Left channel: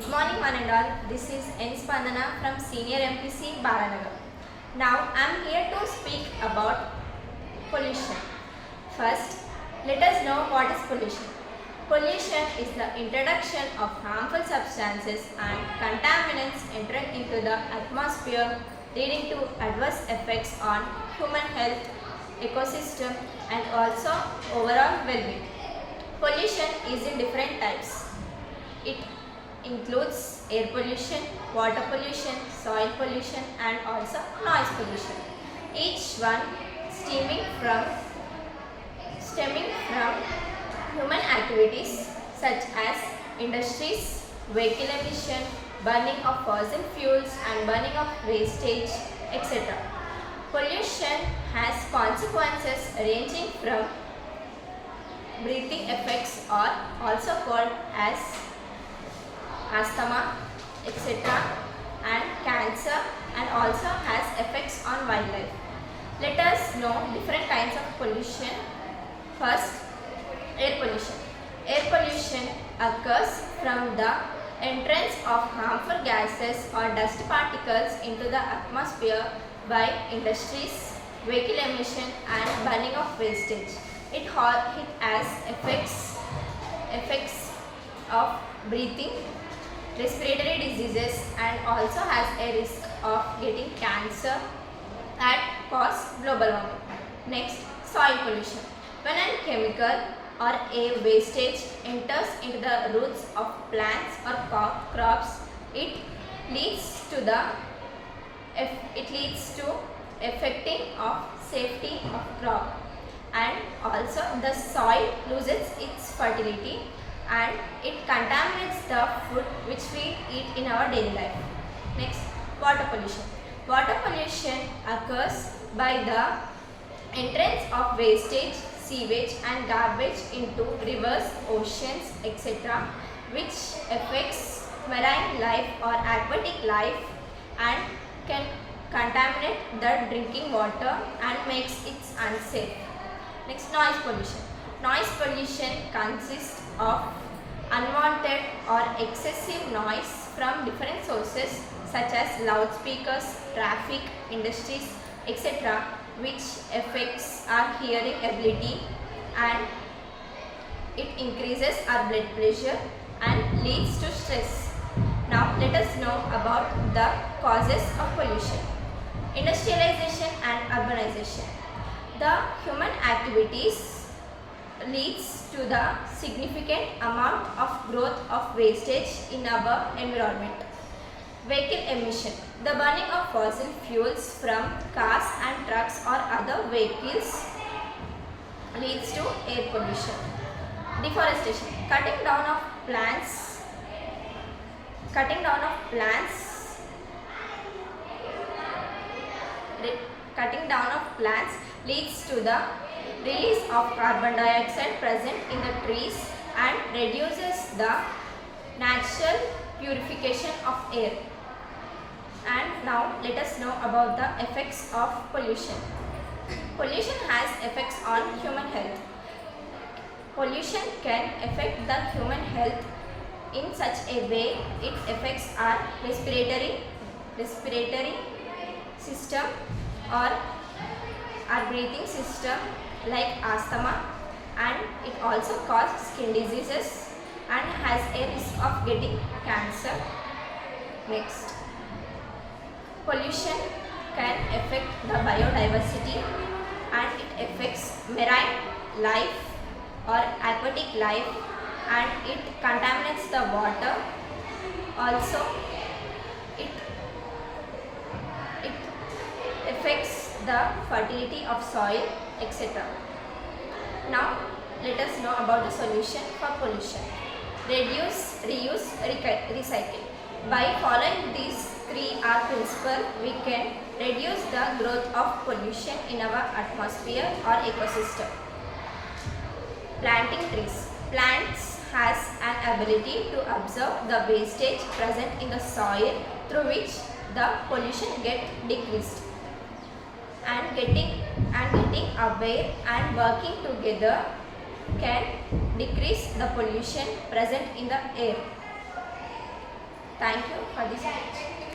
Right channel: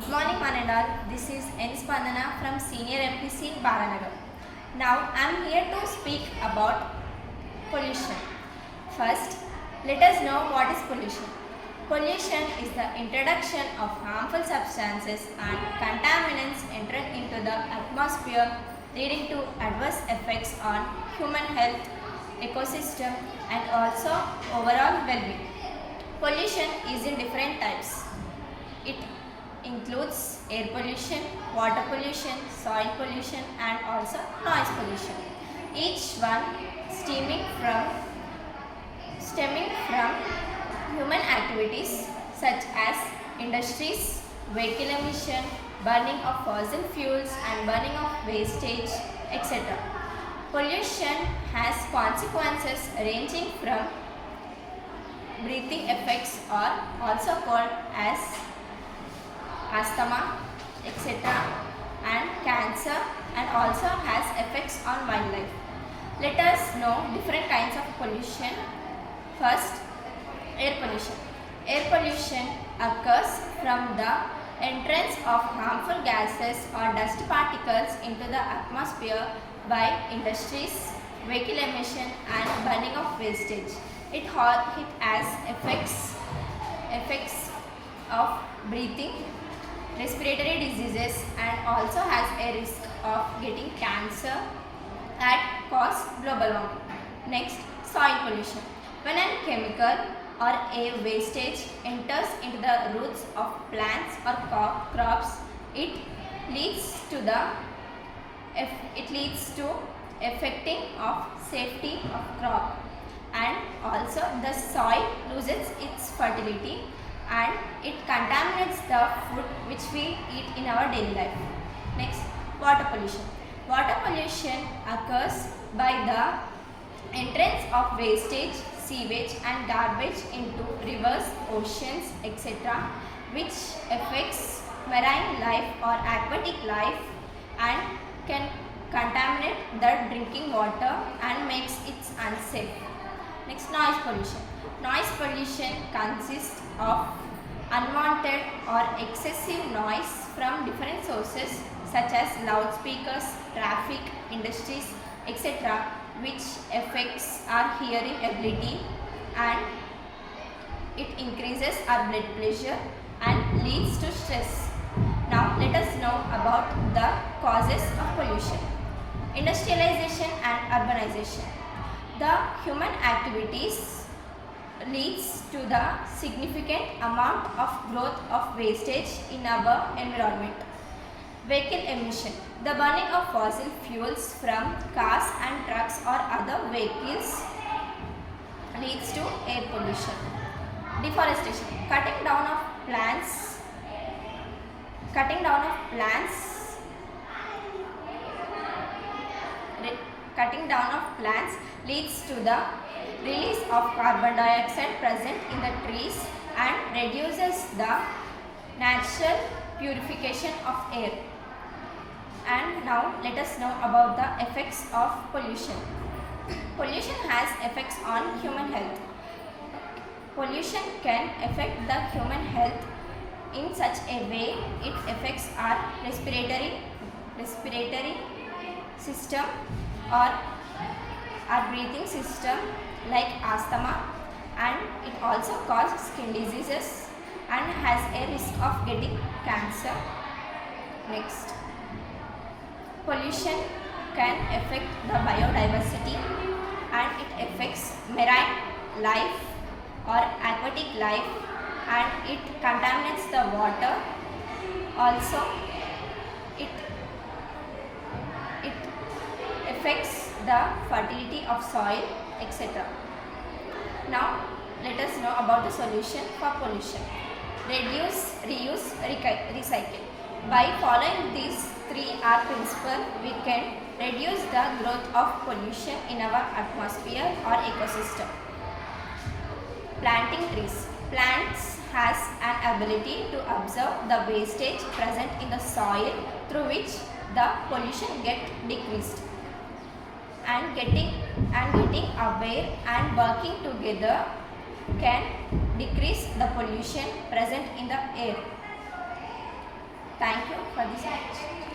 Good morning one and all. This is N. Spandana from Senior MPC Baranagar. Now I am here to speak about pollution. First, let us know what is pollution. Pollution is the introduction of harmful substances and contaminants entering into the atmosphere, leading to adverse effects on human health, ecosystem and also overall well-being. Pollution is in different types. It includes air pollution, water pollution, soil pollution and also noise pollution. Each one stemming from human activities such as industries, vehicle emission, burning of fossil fuels and burning of wastage, etc. Pollution has consequences ranging from breathing effects or also called as asthma, etc. and cancer and also has effects on wildlife. Let us know different kinds of pollution. First, air pollution. Air pollution occurs from the entrance of harmful gases or dust particles into the atmosphere by industries, vehicle emission and burning of wastage. It has effects of breathing, respiratory diseases and also has a risk of getting cancer and cause global warming. Next, soil pollution. When a chemical or a wastage enters into the roots of plants or crops, it leads to affecting of safety of crop, and also the soil loses its fertility and it contaminates the food which we eat in our daily life. Next, water pollution. Water pollution occurs by the entrance of wastage, sewage and garbage into rivers, oceans, etc., which affects marine life or aquatic life and can contaminate the drinking water and makes it unsafe. Next, noise pollution. Noise pollution consists of unwanted or excessive noise from different sources such as loudspeakers, traffic, industries, etc., which affects our hearing ability and it increases our blood pressure and leads to stress. Now let us know about the causes of pollution. Industrialization and urbanization. The human activities leads to the significant amount of growth of wastage in our environment. Vehicle emission. The burning of fossil fuels from cars and trucks or other vehicles leads to air pollution. Deforestation. Cutting down of plants leads to the release of carbon dioxide present in the trees and reduces the natural purification of air. And now let us know about the effects of pollution. Pollution has effects on human health. Pollution can affect the human health in such a way it affects our respiratory system or our breathing system like asthma, and it also causes skin diseases and has a risk of getting cancer. Next, pollution can affect the biodiversity and it affects marine life or aquatic life and it contaminates the water. Also, it affects the fertility of soil, etc. Now, let us know about the solution for pollution. Reduce, reuse, recycle. By following these 3R principle, we can reduce the growth of pollution in our atmosphere or ecosystem. Planting trees. Plants has an ability to absorb the wastage present in the soil through which the pollution gets decreased. And getting aware and working together can decrease the pollution present in the air. Thank you for this knowledge.